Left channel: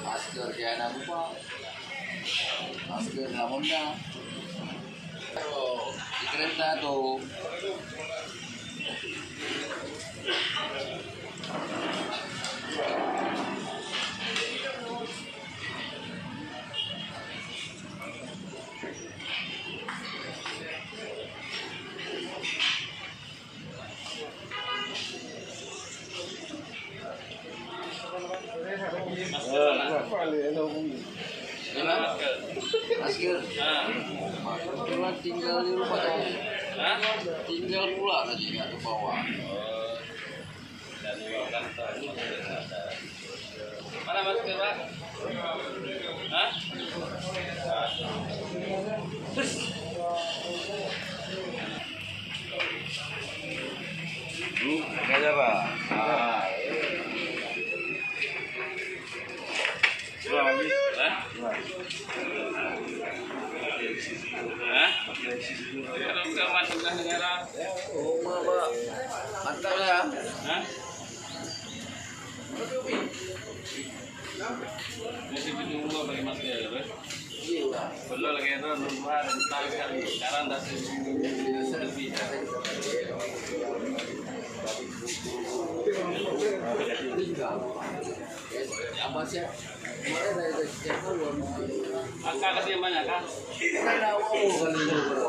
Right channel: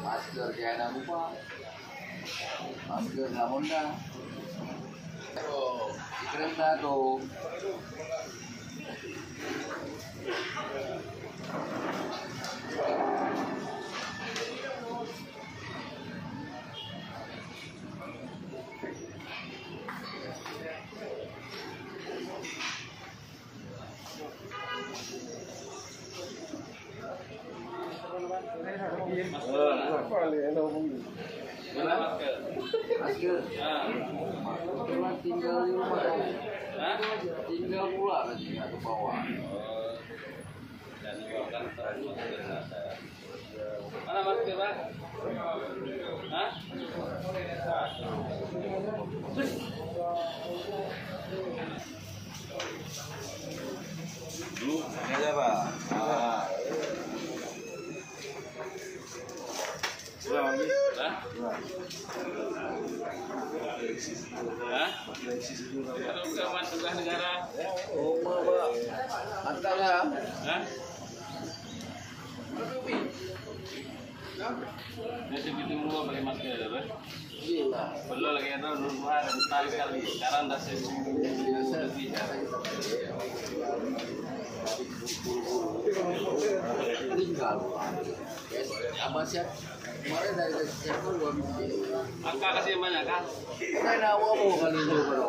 Masker jangan lupa. Masker nggak mudah. Dikirim satu. Masker. Kebetulan tinggal di rumah tadi. Tinggal pulang aja nggak ke bawah. Mana masker, Pak? Hah? Aja Pak. Kalau nggak masukkan negara, Mantap ya. masih bingung gua pakai masker, Pak. Iya. Belum lagi itu rumah rental kali. Sekarang dah lebih. Tinggal. Apa sih? Kemarin dari siapa luar. Angka kasih banyak kan? Saya nggak mau kan itu.